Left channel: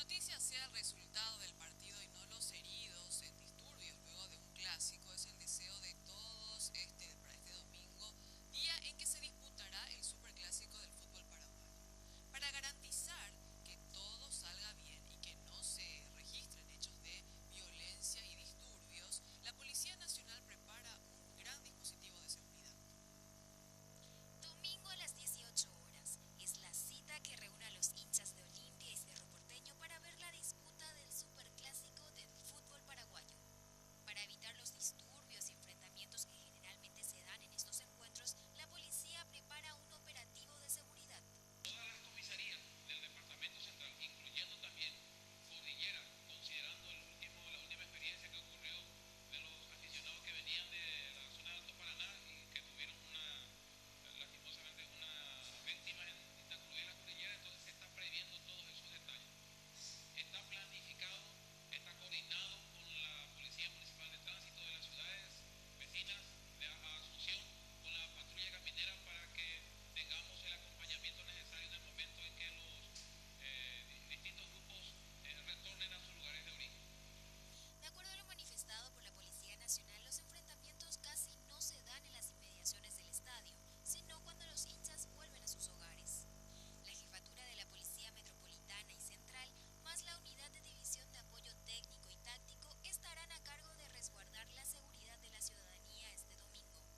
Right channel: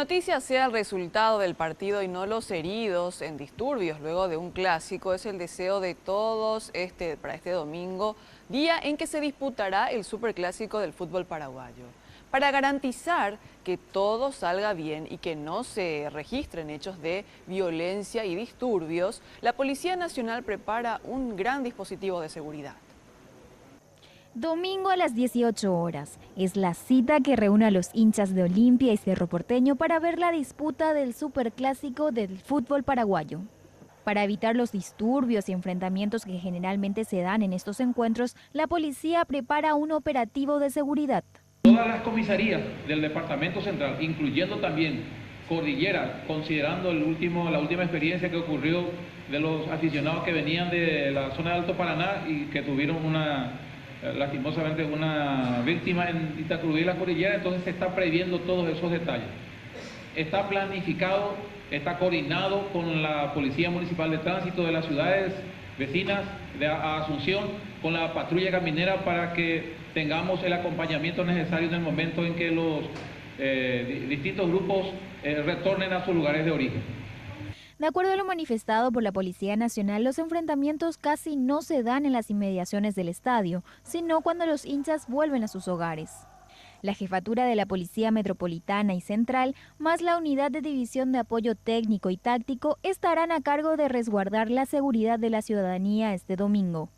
noticia sea el resultado del partido y no los heridos en disturbios luego de un clásico es el deseo de todos para este domingo, día en que se disputará el superclásico del fútbol paraguayo. Para garantizar que todo salga bien y que no se registren hechos de violencia y disturbios, la Policía Nacional prepara un gran dispositivo de seguridad. Domingo a las 18 horas. Es la cita que reúne a los hinchas de Olimpia y Cerro Porteño para ver la disputa del superclásico del fútbol paraguayo. Para evitar los disturbios y enfrentamientos que generalmente se dan en estos encuentros, la policía prepara un operativo de seguridad. Todas las comisarías del Departamento Central, incluyendo también Cordillera, considerando la última experiencia que ocurrió de los aficionados que venían de la zona de Alto Paraná y que tuvieron lastimosamente una víctima en Itacurubí y la Cordillera, entonces se está previendo todos esos detalles. Está planificado, está coordinado con la Policía Municipal de Tránsito de las ciudades vecinas de Asunción, con la patrulla caminera para que tengamos el acompañamiento necesario en el momento en que los distintos grupos retornen a sus lugares de origen. De acuerdo a lo manifestado por la Policía Nacional, los enfrentamientos casi no se dan en las inmediaciones del estadio, sino cuando los hinchas vuelven a sus hogares. La jefatura de la Policía Metropolitana y Central, más la Unidad de División de Apoyo Técnico y Táctico, estarán a cargo de resguardar la seguridad de la ciudadanía este domingo.